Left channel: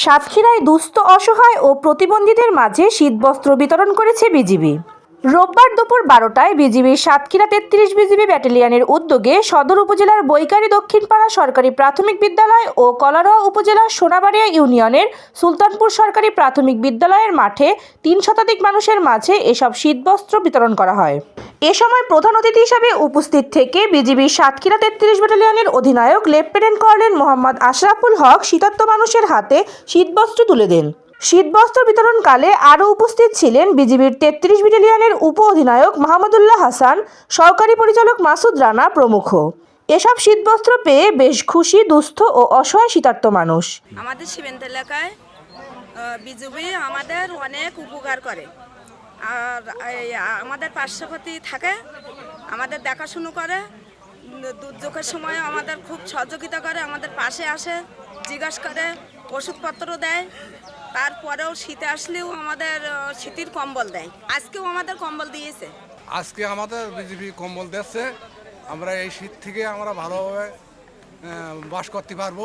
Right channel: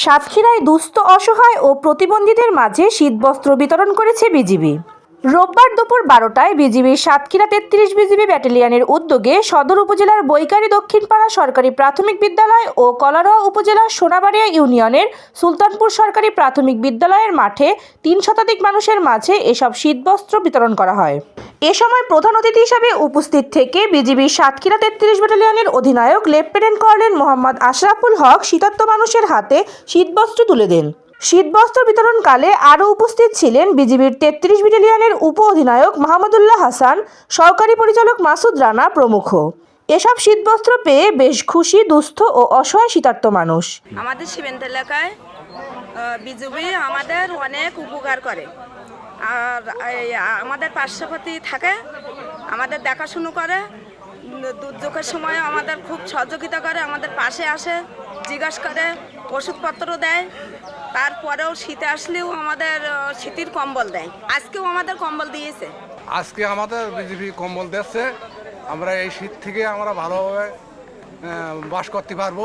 সাতক্ষীরায় দুস্থ অসহায় ও প্রতিবন্ধীদের মাঝে শীতবস্ত্র বিতরণ করেছে বিজিবি। রোববার দুপুর বারোটায় বিজিবির সাতক্ষীরা তেত্রিশ বিজিবি ব্যাটালিয়নের উদ্যোগে সদর উপজেলার বৈকারী দক্ষিণপাড়া সরকারি প্রাথমিক বিদ্যালয় ও কলারোয়া উপজেলার সোনাবাড়িয়া ইউনিয়নের সুলতানপুর সরকারি প্রাথমিক বিদ্যালয়ের মাঠে তিন শতাধিক মানুষের মাঝে এসব শীতবস্ত্র বিতরণ করা হয়। এ সময় প্রধান অতিথি হিসাবে উপস্থিত থেকে বিজিবির সাতক্ষীরা তেত্রিশ ব্যাটালিয়নের অধিনায়ক লেফটেন্যান্ট কর্নেল মোহাম্মদ আশরাফুল হক শীতার্ত মানুষের হাতে শীতবস্ত্র তুলে দেন। শীতবস্ত্র বিতরণকালে আরও উপস্থিত ছিলেন বিজিবির তেত্রিশ ব্যাটালিয়নের উপ অধিনায়ক মাহমুদুল্লাহ হাসান, সহকারী পরিচালক মাসুদ রানা প্রমুখ। এসব শীতবস্ত্র পেয়ে বেশ খুশি, দুস্থ ও অসহায় শীতার্ত মানুষ। আমাদের সীমান্ত এলাকায় বিজেপি আমাদের অনেক উপকার করে। আর আমাদের পার্শ্ববর্তী থাকে, আমাদের দেখাশুনো করে, দুর্যোগের সময় আমাদের খুব সহযোগিতা করে, আমাদের পাশে আসে, জিজ্ঞাসা করে ওষুধপত্র দেয়। তারপরেও শীত আসলেও আমাদের শীতের কম্বল দেয়। আজকেও আমাদের কম্বল দিয়েছে। আজকে আমাদের বিজেপি কম্বল দিচ্ছে আমরা এই শীত থেকে আমরা ভালোভাবে বাস করতে পারব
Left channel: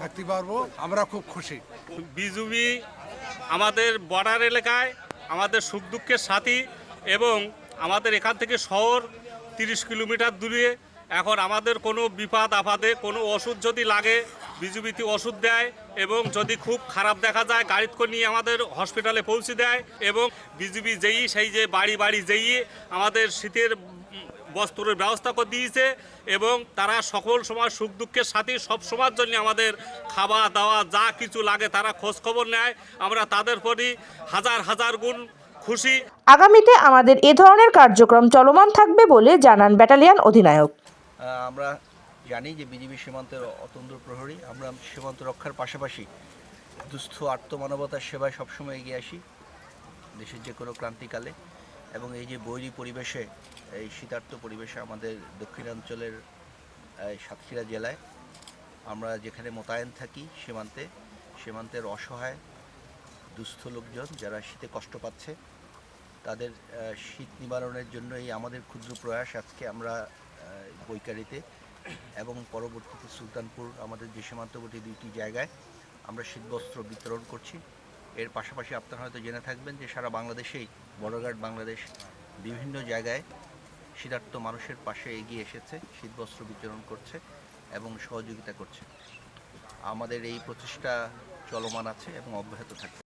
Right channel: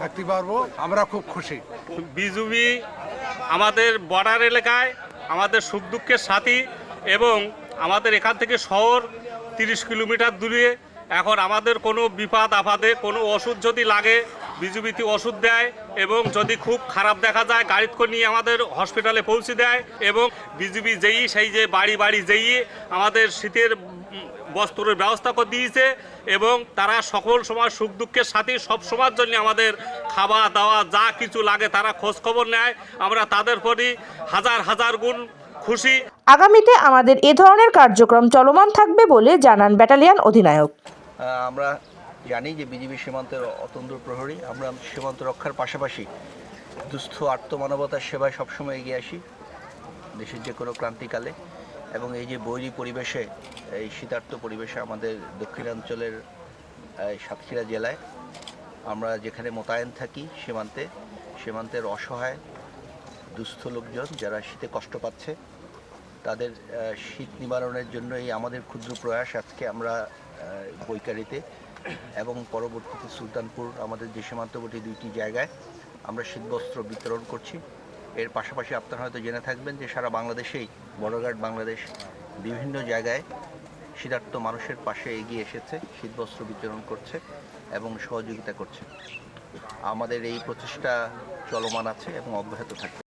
থাকতে পারব। আমরা খুব খুশি। বিজুবি আমাদের বর্ডার এলাকায় আমাদের সুখ দুঃখের সাথী এবং আমাদের এখান থেকে শহর তিরিশ কিলোমিটার দূরে এখন আমাদের কোনো বিপদ আপদে কোনো ওষুধ যদি লাগে বিজুবিতে ওষুধ দেয় এবং যদি খুব খারাপ দেখা যায় গাড়িতে করে নিয়ে আমাদের হসপিটালে পৌঁছে দেয় এবং বিজুবি যেই সেই যে বাড়ি বাড়ি যেই আমাদের শীতের বস্ত্রের ব্যবস্থা করে দিয়েছে এবং তারা সকল সময় সুখ দুঃখের সাথে সব সময়ের জন্য আমাদের খাওয়া দাওয়া যা কিছু লাগে তারা খোঁজ খবর নেয়। আমরা তাদের প্রতি হাজার হাজার গুণ খুশি। আগামীতে আমাদের এ ধরনের কার্যক্রম চলমান থাকবে বলে জানান ব্যাটালিয়ান অধিনায়ক। আমরা জানি যে বিজিবি সীমান্তের অতন্দ্র প্রহরী। আমরা সীমান্ত রক্ষার পাশাপাশি দুস্থ আত্মমানবতার সেবায় সবসময় এগিয়ে আসি দেশের যে কোনো ক্রান্তিকালে। এবং এই যে বৈরী পরিবেশে, এই শীতার্থ পরিবেশে আমাদের দক্ষিণাঞ্চলের সাতক্ষীরা জেলায় আমরা যেখানে মোতায়েন থাকি সীমান্তে, সীমান্তের অসহায়, দুস্থ লোকজন যারা শীতে কষ্ট পাচ্ছে, তাদের শীত নিবারণের জন্য এই আমাদের ক্ষুদ্র প্রয়াস। আজকে আমরা বৈকারিতে এবং পরবর্তীতে সুলতানপুর, আমাদের যে সীমান্তবর্তী দুইটি জায়গায় আমরা শীতবস্ত্র বিতরণ করছি। এর পাশাপাশি আপনারা হয়তো জেনে থাকবেন যে সারা বাংলাদেশেই গার্ড বাংলাদেশ বিভিন্ন জায়গায় শীতার্থ মানুষের পাশে এগিয়ে এসেছে, শীতবস্ত্র বিতরণ করছে এবং সহযোগিতা করছে। আমাদের এই প্রচেষ্টা চলমান আছে এবং অব্যাহত থাকবে।